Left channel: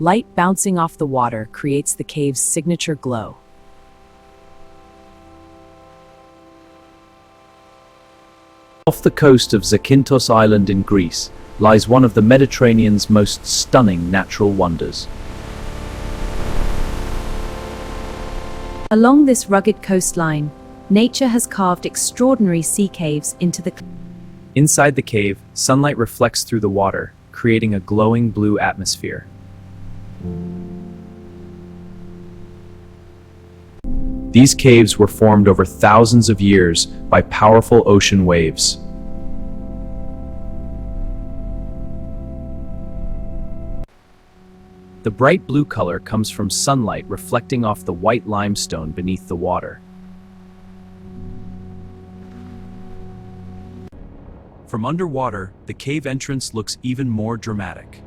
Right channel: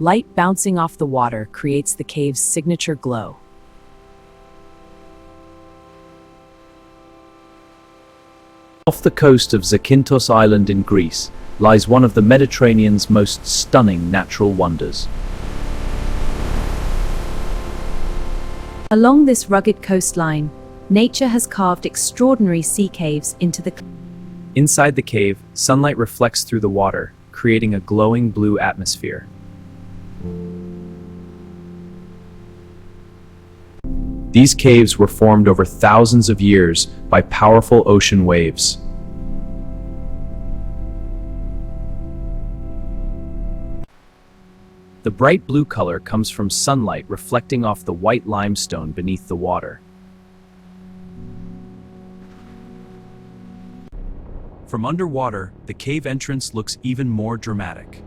Light bouncing off the water creates the cave's signature glow. Off the coast of Zakynthos Island in Greece lies one of the Mediterranean's most stunning natural wonders. Along this rugged coastline, nature has carved extraordinary sea caves into the Inside the cave, sunlight reflects through the water, creating a glowing blue atmosphere. These caves were formed over thousands of years by powerful ocean waves. The bright blue color comes from sunlight reflecting off the white limestone beneath the water. From underwater, the cave entrance looks even more dramatic.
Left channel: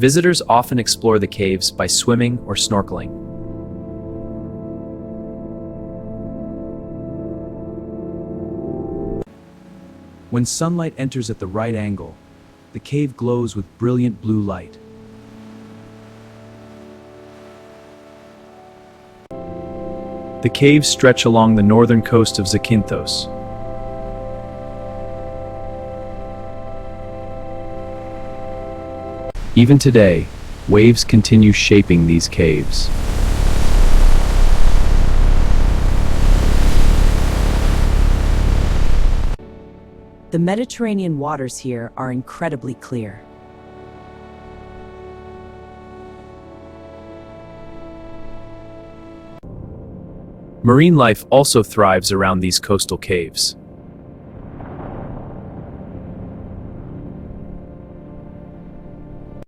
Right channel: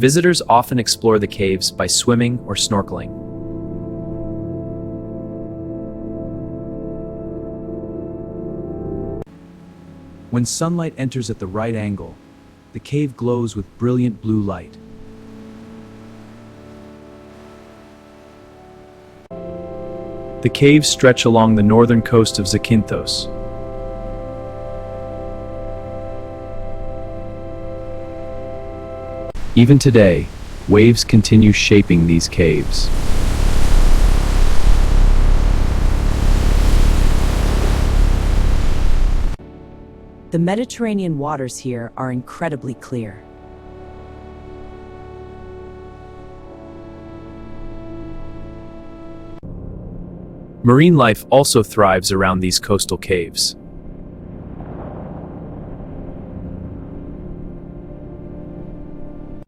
Visitors often explore the caves by swimming or snorkeling. When sunlight enters at the right angle, the cave glows with brilliant blue light. The caves stretch along the northern coast of Zakynthos. Even today, waves continue shaping these caves. The Mediterranean waters here are incredibly clear. Marine life also thrives around these coastal caves.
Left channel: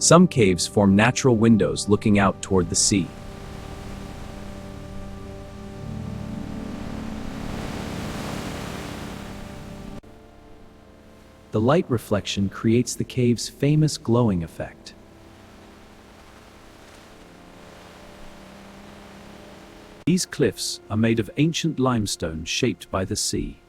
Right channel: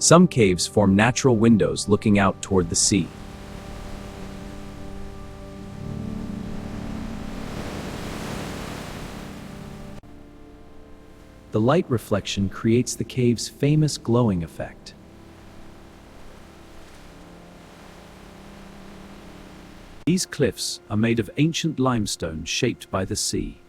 Some caves form natural windows looking out toward the sea. The light reflection creates the cave's famous glowing effect. These cliffs are made of ancient limestone shaped by the sea.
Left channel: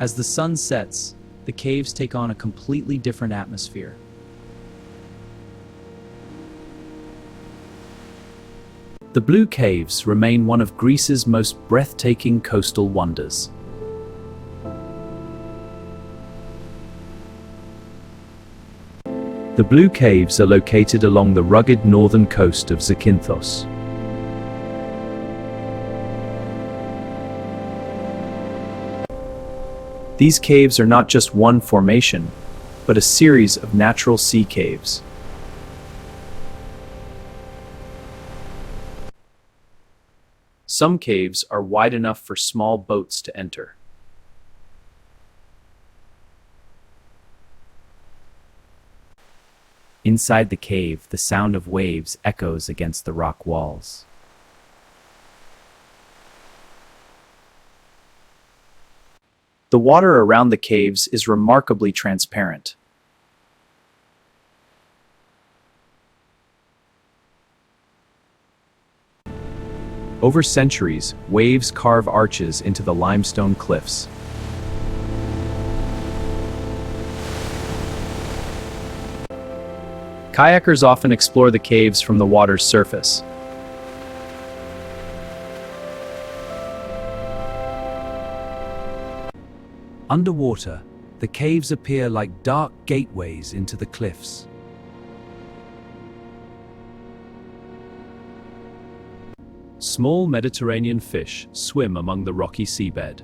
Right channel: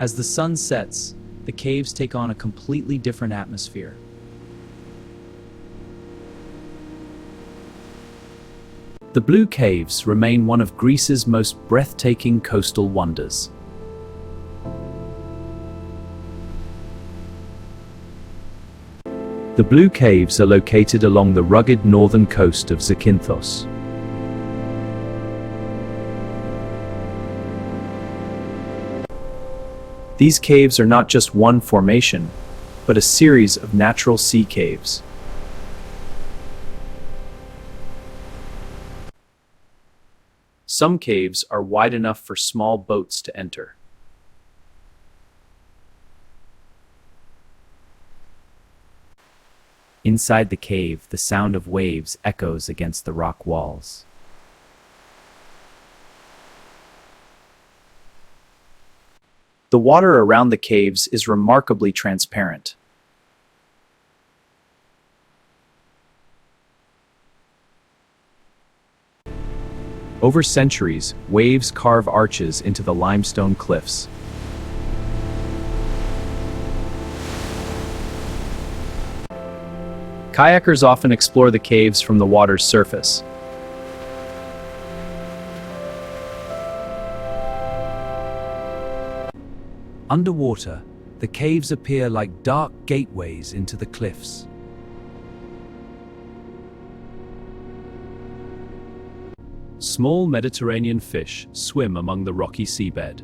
As the sun sets, the caves take on a completely different atmosphere. The Blue Caves remain one of Greece's most breathtaking coastal wonders. The Blue Caves are located along the rugged northern coast of Zakynthos. These caves are not just one formation, but a series of natural sea caves. Some caves are wide enough for small boats to enter. Inside the cave, the sound of waves echoes against the rock walls. The water around the caves is remarkably transparent. Over centuries, waves carve arches into the limestone cliffs. Kayakers often explore the caves from the water's surface. Underwater, the caves appear like dark gateways into the cliffs. Small Mediterranean fish swim among the rocky seabed.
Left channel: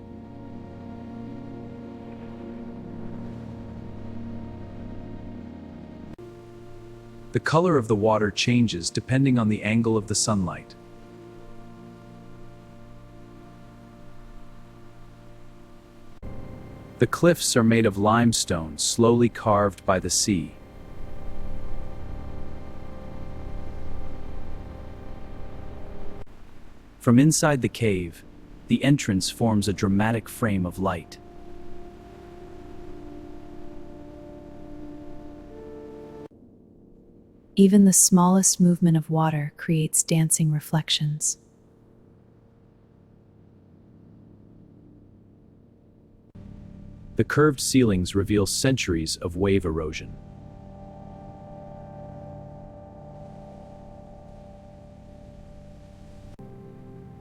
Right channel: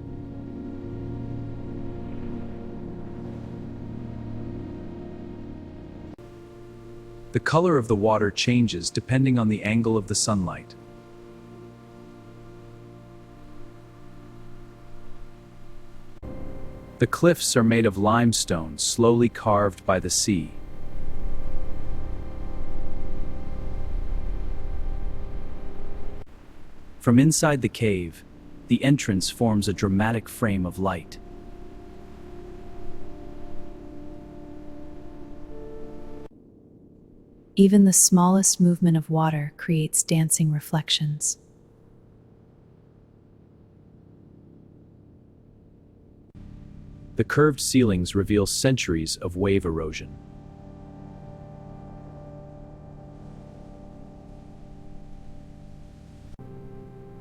The color of the water changes depending on the angle of the sunlight. The cliffs are made of limestone slowly carved by the sea. From inside the cave, the entrance forms a dramatic frame of light. Even the smallest movement of water creates dancing reflections. The curved ceilings reveal centuries of wave erosion.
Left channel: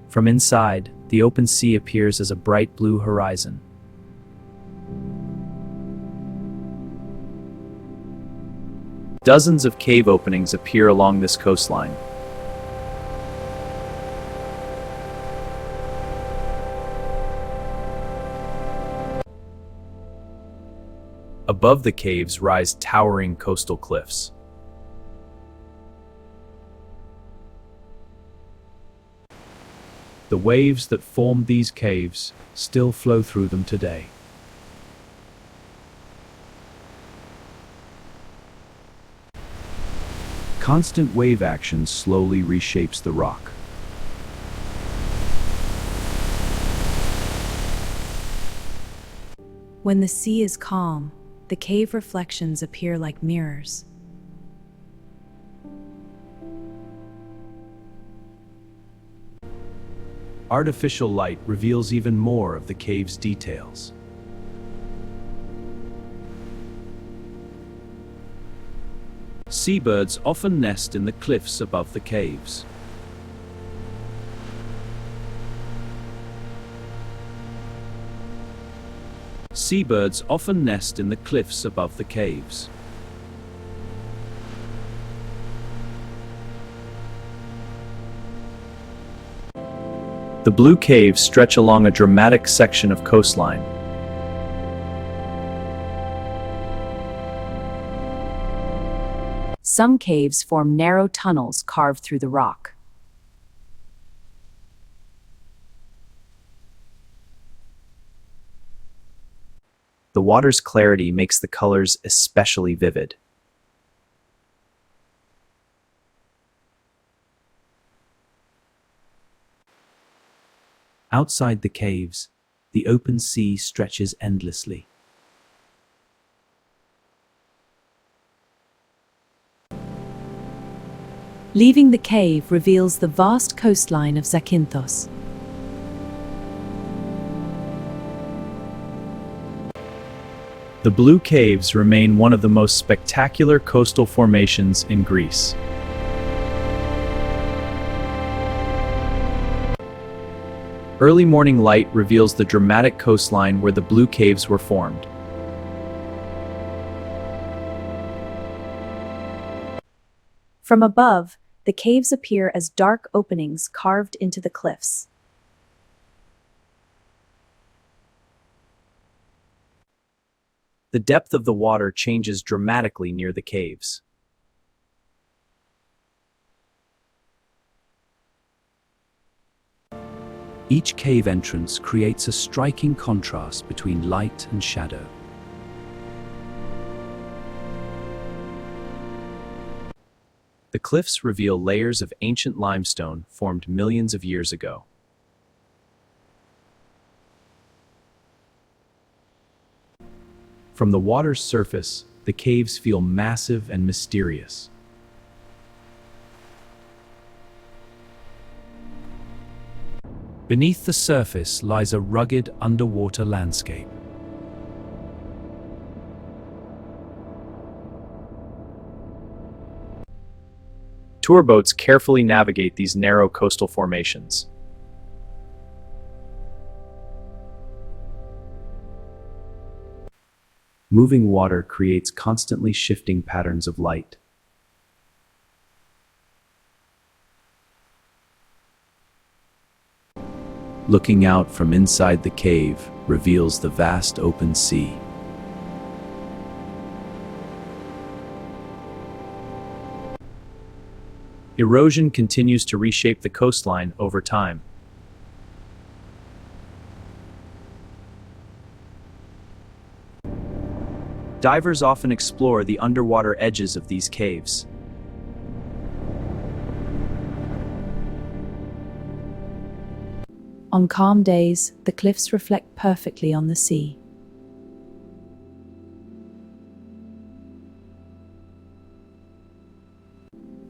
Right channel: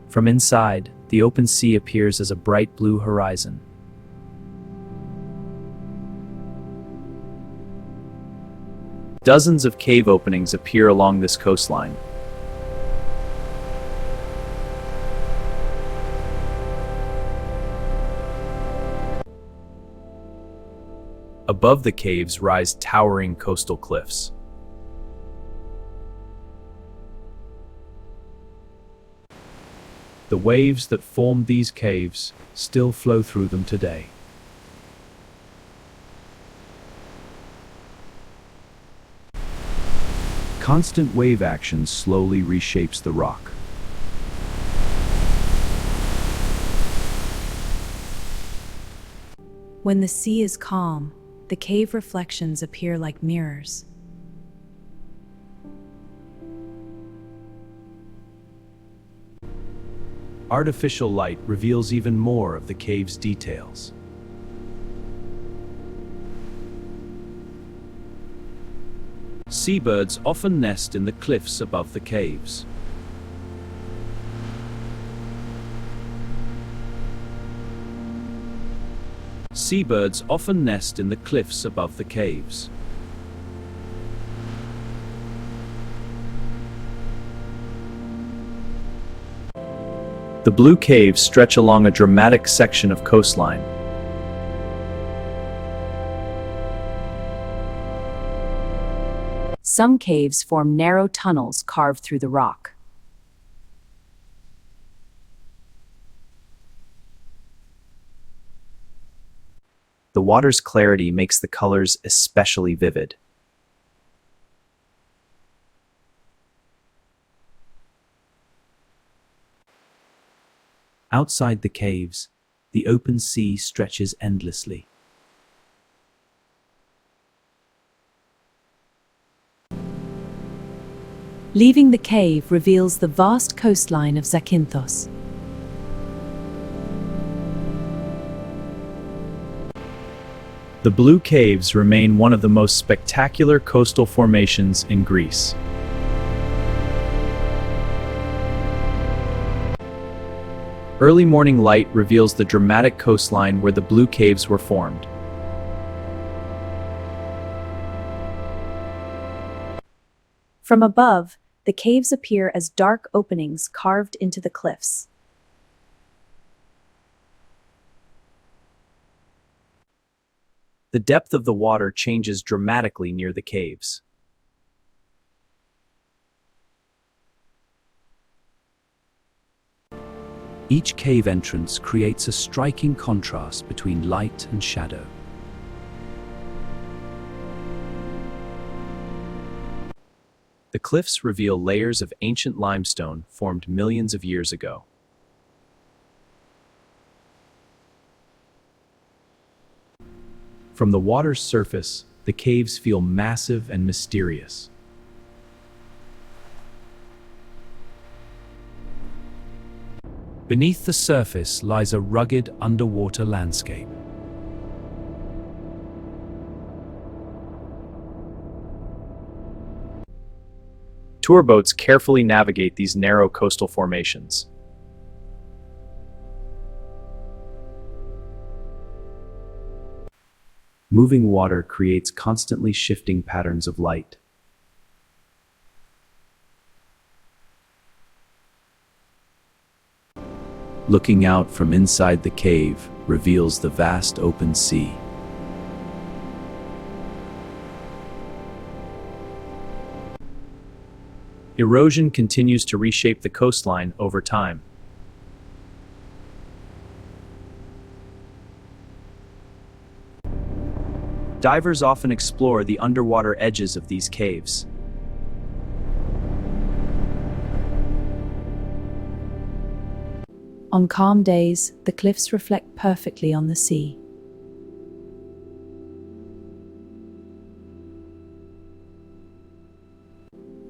From inside, the open sea appears as a bright blue horizon. Dozens of cave openings appear along this coastline. Above the caves rise towering coastal cliffs. The waves that formed these caves still flow through them today. Constant wave action slowly reshapes the rock. When the sea is calm, the cave reflections appear like mirrors. Artificial light reveals even more of the cave's details. Seabirds often nest in the cliffs above the caves. Seabirds often nest in the cliffs above the caves. The blue caves stretch along a dramatic section of coastline. Some caves form narrow tunnels carved through the rock. The water's clarity makes the colors especially vivid. Outside the caves, the open sea stretches endlessly. Leaving the cave reveals the vast coastline of Zakynthos. The Blue Caves remain one of the most spectacular coastal formations in Greece. Early morning light reveals the dramatic coastline where the Blue Caves were formed. From above, the caves appear as dark openings carved into the cliffs. The depth of the water changes dramatically near the caves. Each cave entrance creates a striking contrast between light and shadow. The cliffs reveal layers of ancient limestone formed millions of years ago. From the water's surface, the caves feel massive and mysterious. Beneath the surface lies a rugged underwater landscape. Tour boats carefully navigate these narrow coastal formations. Moving water creates constantly shifting patterns of light. Looking out from inside the cave reveals the vast open sea. Erosion continues to reshape the coastline over time. Divers often explore the underwater edges of these caves. On calm days, the cliffs reflect perfectly on the sea.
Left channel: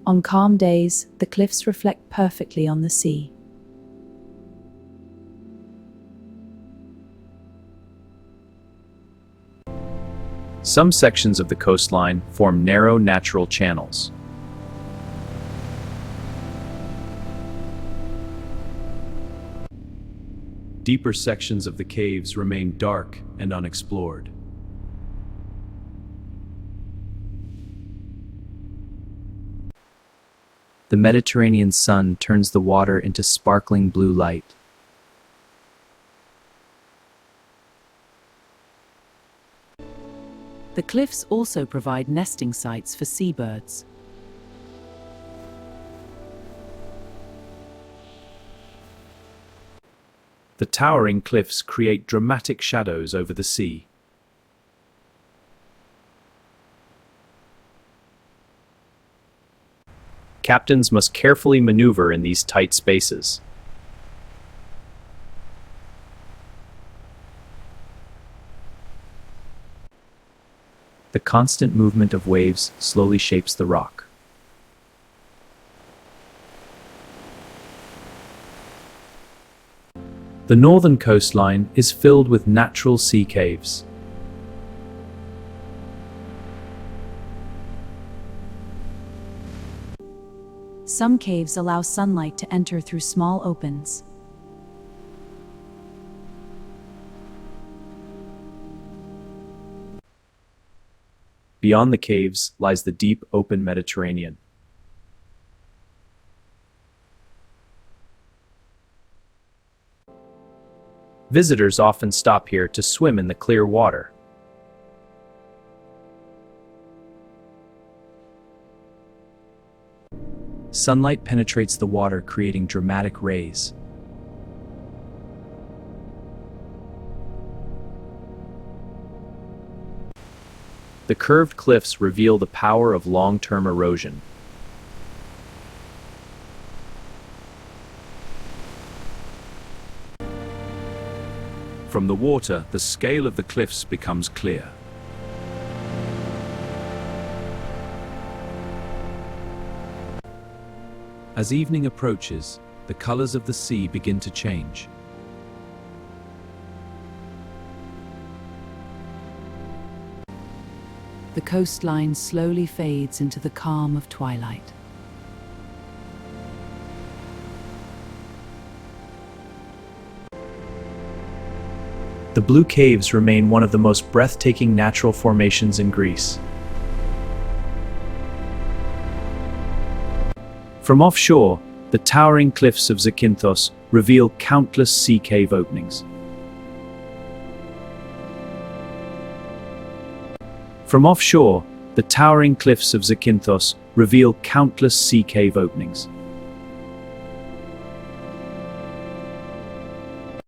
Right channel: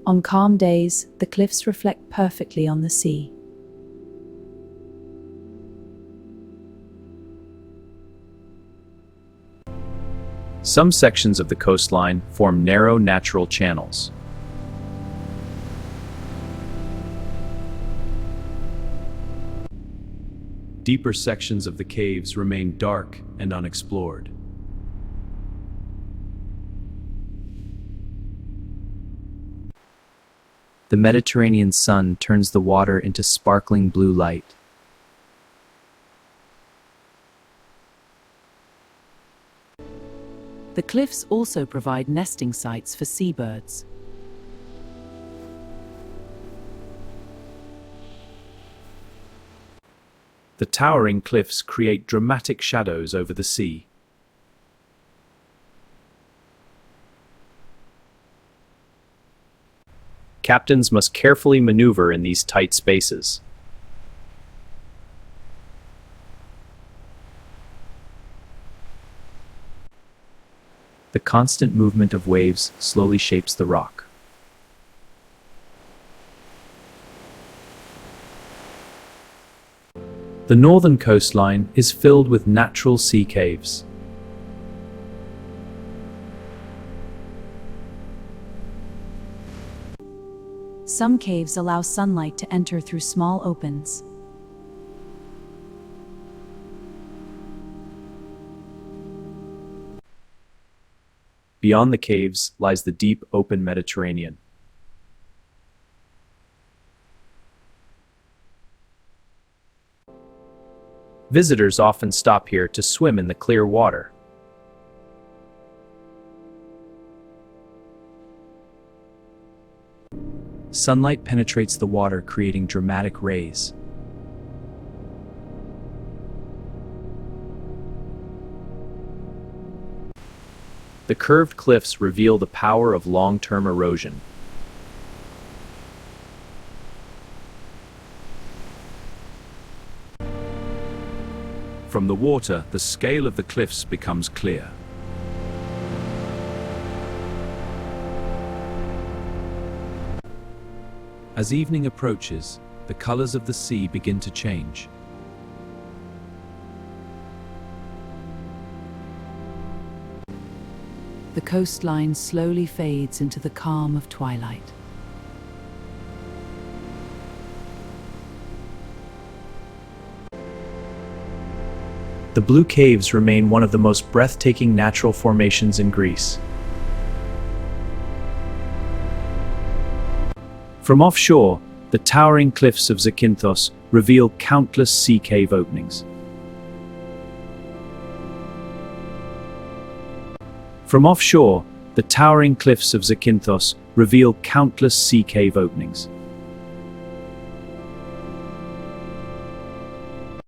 On calm days, the cliffs reflect perfectly on the sea. Some sections of the coastline form narrow natural channels. Deeper sections of the caves remain dark and unexplored. The Mediterranean sun turns the water into sparkling blue light. The cliffs also provide nesting sites for seabirds. The towering cliffs create dramatic shadows over the sea. Captains must carefully maneuver in these tight spaces. The constant movement of waves slowly shapes the rock. The northern coastline is filled with natural sea caves. Some caves allow sunlight to enter through small opens. Beyond the caves lies the deep, open Mediterranean. Visitors often stop here to swim in the clear water. Sunlight penetrates the water, creating dramatic rays. The curved cliffs reveal the power of long-term erosion. From the water, the scale of the cliffs becomes clear. As evening approaches, the colors of the sea begin to change. The coastline slowly fades into the calm of twilight. The Blue Caves remain one of the most breathtaking natural formations in Greece. From offshore, the towering cliffs of Zakynthos reveal countless sea cave openings. From offshore, the towering cliffs of Zakynthos reveal countless sea cave openings.